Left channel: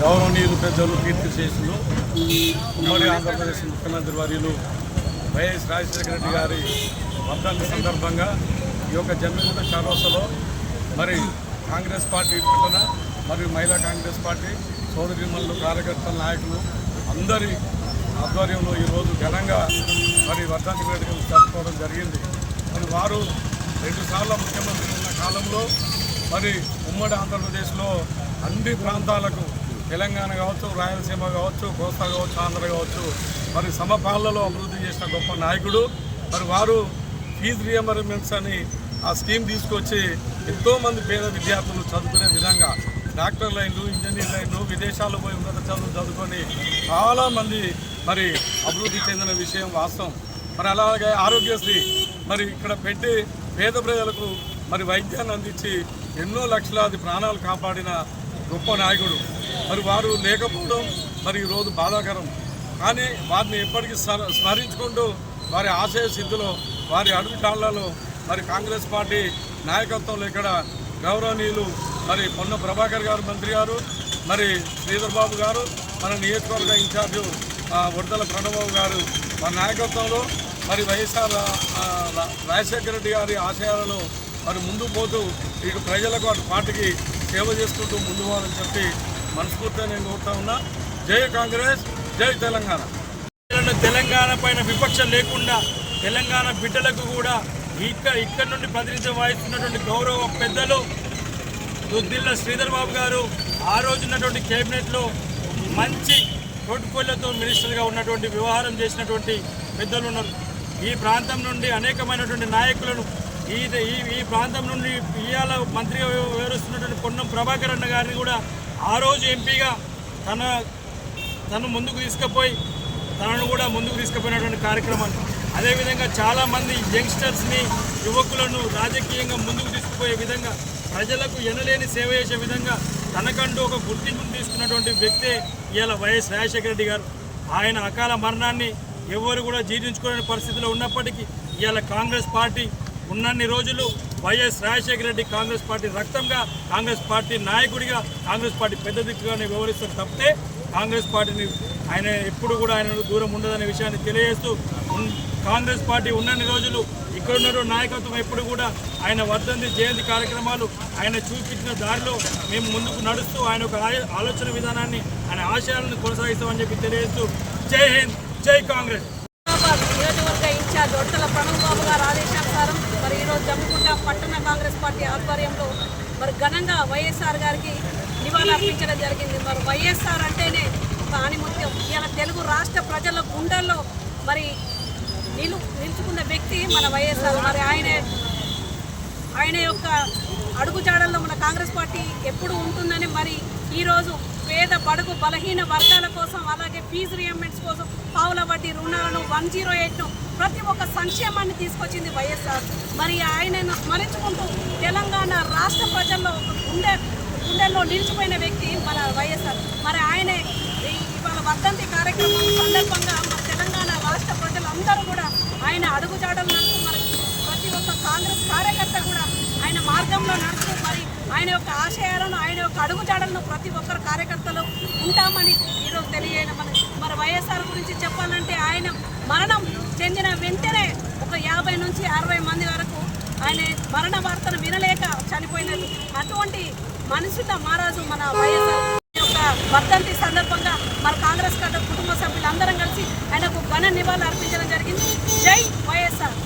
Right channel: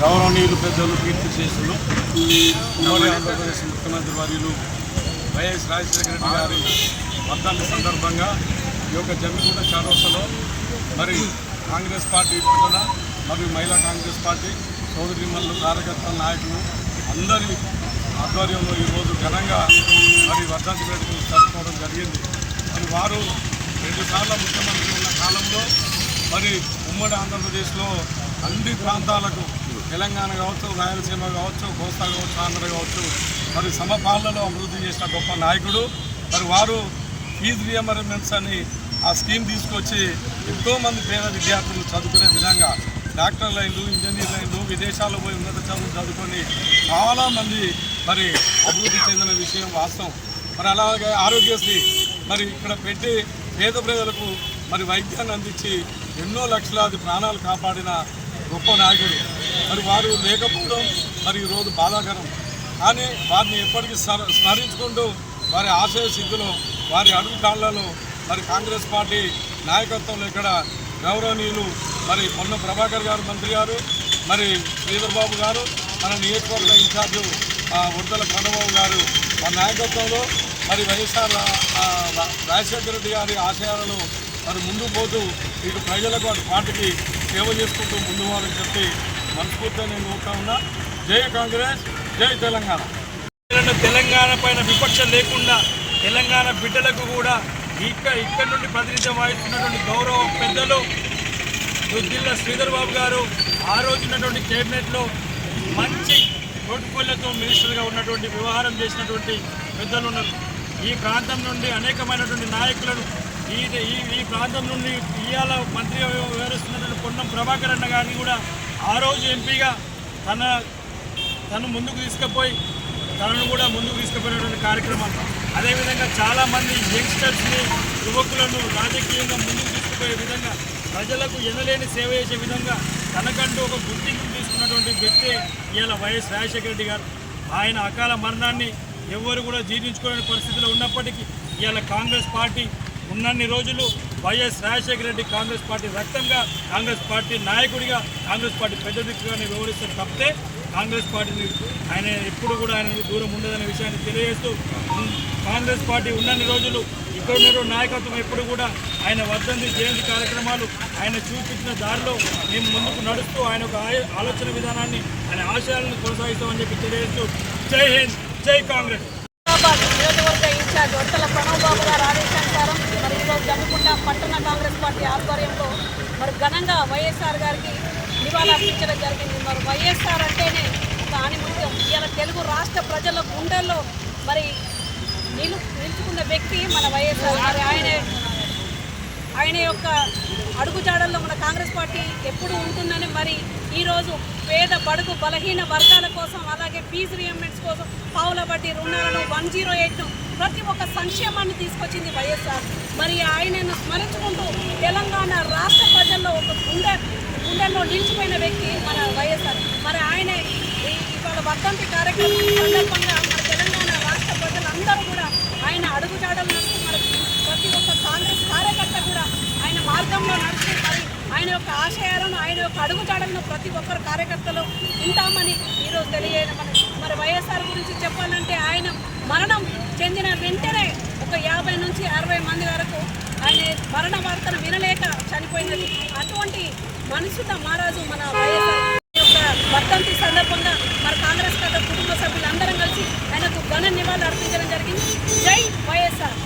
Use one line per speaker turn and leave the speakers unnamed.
గౌరవనీయులు పెద్దలు కీర్తి చేసులు ఉమ్మడి ఆంధ్రప్రదేశ్ ముఖ్యమంత్రి వర్యులు వైఎస్ రాజశేఖర రెడ్డి గారి వర్ధాన్ని సందర్భంగా ఈ యొక్క జమ్మికుంట చరోసలో మరి కాంగ్రెస్ పార్టీ పట్టణ మరియు మహిళా కాంగ్రెస్ పార్టీ సోదరిమల్లు కార్యకర్తల నాయకులు అందరి ఆధ్వర్యంలో ఈరోజు ఘనంగా మరి వర్ధంతి వేడుకలు జరుపుకోవడం జరిగింది. మరి వారు రెండుసార్లు ముఖ్యమంత్రి ఉన్న కాలంలో మరి ఉమ్మడి ఆంధ్రప్రదేశ్లో అన్ని ప్రాంతాలకు తెలంగాణ కావచ్చు రాయలసీమ కావచ్చు కోస్తా కావచ్చు ఆంధ్ర కావచ్చు మరి సమపాలలో అభివృద్ధి చేసిన గొప్ప నాయకుడు. మరి వారు ఫీజు రియంబర్మెంట్స్ అని ఆ స్కీమ్ తీసుకొచ్చి ఎంతోమంది పేద విద్యార్థులు చదువుకునే విధంగా డాక్టర్ లైన్లు ఇంజనీర్ లైన్లు విదేశాల్లో పోయి ఉన్నత చదువులు చదువుకొని చాలామంది మరి అభివృద్ధి చెందిన విషయం వాస్తవం. మరి అలాగే ఆరోగ్యశ్రీ మరి ఇక్కడ పెట్టి పేద ప్రజలకు మరి వైద్యాన్ని అందించి ఎన్నో లక్షలాది ప్రాణాలు కాపాడిన గొప్ప నాయకుడు. మరి వారు లేకపోవడం మరి ఈరోజు బాధాకరం. కానీ వారిని ఎప్పటికీ స్మరించుకుంటూ వారి ఆశయ సిద్ధిలో వారి అడుగు కాళ్ళలో మరి కాంగ్రెస్ పార్టీ నాయకత్వంలో ఇక్కడ గౌరవనీయులు మరి పొన్న ప్రభాకర్ గారు మంత్రి గారు మరి శ్రీధర్ బాబు గారు మన నియోజకవర్గ ఇన్ఛార్జు ఆ, ఉడతల ప్రణబాబు గారు మన నాయకత్వంలో మరి వైఎస్ఆర్ రాజశేఖర రెడ్డి గారి ఆశయాలను మరి ముందు పోతూ ఇక ప్రజలకు అటు పార్టీకి సేవ చేసుకుంటూ ముందు వారని చెప్పి మనస్ఫూర్తిగా నేను కోరుతా ఉన్నా. జై కాంగ్రెస్ జై తెలంగాణ.
తెలంగాణ తెలంగాణ పైన విపక్షం లేకుండా తెలంగాణ బిడ్డలకు కూడా ఇక్కడ ఇక్కడ నుండి ప్రాతినిధ్యం వహిస్తున్నటువంటి గౌరవ పెద్దలు దుద్దిల్ల శ్రీధర్ బాబు గారు ఆ రోజు ఉన్నటువంటి కేబినెట్లో మంచి ప్రోటోకాల్లతో మినిస్టర్గా ఉన్నటువంటి వ్యవహారం చేసినటువంటి పెద్దలు ఉన్నారు. ఈ ప్రాంతం నుండి అనేకమైనటువంటి నాయకులను ఈ ఈ ఈ ప్రాంతం నుండి ఇవాళ మంత్రిగా వ్యవహరిస్తున్నటువంటి పొన్నం ప్రభాకర్ అన్న గారిని కూడా ఆ రోజు ఎంపీగా తన తను ముందుకు తీసుకుపోయి తనను కూడా ముందుకు తీసుకుపోయినటువంటి కార్యక్రమాలు అదేవిధంగా చాలామంది యంగ్స్టర్స్ని యువకులను రాజకీయంగా ముందుకు తీసుకుపోయే విధంగా ప్రజలకు ఎనలేని సేవ చేసే విధంగా తనకంటూ ఒక గుర్తింపు తీసుకున్నటువంటి వ్యక్తే ఇవాళ వైఎస్ రాజశేఖర రెడ్డి గారు. ఆయన అకాల మరణాన్ని ఎవరు కూడా జీర్ణించుకోలేని పరిస్థితిలో ఉన్నప్పటికీ ఇవాళ కాంగ్రెస్ పార్టీ ఉన్నన్ని రోజులు వైఎస్ రాజశేఖర రెడ్డి కాంగ్రెస్ పార్టీ రక్తంగా కాంగ్రెస్ పార్టీ నాయకుడిగా కాంగ్రెస్ పార్టీ పెద్ద దిక్కుగానే వ్యవహరిస్తారు తప్పితే కాంగ్రెస్ పార్టీని ఆయన ఎప్పుడు కూడా ఆయన దూరం ఉండదనే విషయాన్ని తెలియజేస్తూ కాంగ్రెస్ పార్టీ ఉన్నన్ని రోజులు ఇక్కడ నాయకత్వం ఎప్పుడు కూడా ఆయన వర్ధంతి జయంతి కార్యక్రమాలు ఆయన చూపించిన దారిలో మేము ముందుకు నడుస్తూ ఆయన ఒక ఆలోచన విధానాన్ని ఆయన ఆశయాలను కొనసాగిస్తామని చెప్పి తెలియజేస్తూ జై హింద్ జై కాంగ్రెస్.
నియోజకవర్గ ఇన్ఛార్జ్ ఉడతల ప్రణవ్ బాబు గారి ఆదేశానుసారం మరి ఈరోజు పట్టణ కాంగ్రెస్ పార్టీ ఆధ్వర్యంలో మరి ఘనంగా వైఎస్ఆర్ గారికి నివాళులర్పించడం జరిగింది. మరి వైఎస్ఆర్ అంటేనే ఒక ఆణిముత్యం ఇలా తెలుగు రాష్ట్ర ప్రజల గుండెల్లో మరి నిలు నిలుచుకున్న వ్యక్తి మన వైఎస్ఆర్ మరి ఆయనే ఆయన యొక్క అడుగుజాడల్లో మన కాంగ్రెస్ పార్టీ ఎప్పుడు ఉంటుందని మరి ఈరోజు పేద బడుగు బలహీన వర్గాల కోసం అలాగే ఫీజు రియంబెంట్స్ కోసం పావుల వడ్డీ రుణాలను వన్ జీరో ఎయిట్ను ప్రతి ఒక్క సంక్షేమాన్ని తీసుకొచ్చింది వైఎస్ఆర్. మరి ఆయనను స్మరించుకుంటూ తెలంగాణ రాష్ట్ర ప్రజల్లో ఒక గుండె గుండెల్లో నిలిచిపోయిన వ్యక్తి మన వైఎస్ఆర్. మరి ఆయనే ఇవాళ వర్ధంతి కార్యక్రమం సందర్భంగా మన తెలంగాణ రాష్ట్ర ప్రజలందరూ కూడా ఆయన అడుగుజాడలు నడుస్తూ మరి ప్రతి ఒక్క కాంగ్రెస్ కార్యకర్త కూడా ఆయన మార్గంలో నడుస్తూ మరి ఆయన యొక్క ఆశయాలను ఆయన యొక్క అడుగుజాడలను ప్రతి ఒక్కరు కార్యకర్తలు ఉంటామని ఈరోజు తెలియజేయడం మరి వైఎస్ఆర్ గురించి చెప్పాలంటే ఆయన మరణం చెందిన వెంటనే ఒక యాభై నుంచి అరవై మంది వరకు ఆయన మరణ వార్తను వినలేక చనిపోయినది. అటువంటి మనసుత మహారాజు మన వైఎస్ఆర్ యొక్క వర్ధంతి సందర్భంగా మన కాంగ్రెస్ కథ కుటుంబ సభ్యులందరం కలిసి ఆయనకు ఘన నివాళులు అర్పించడం జరిగింది. జై వైఎస్ఆర్.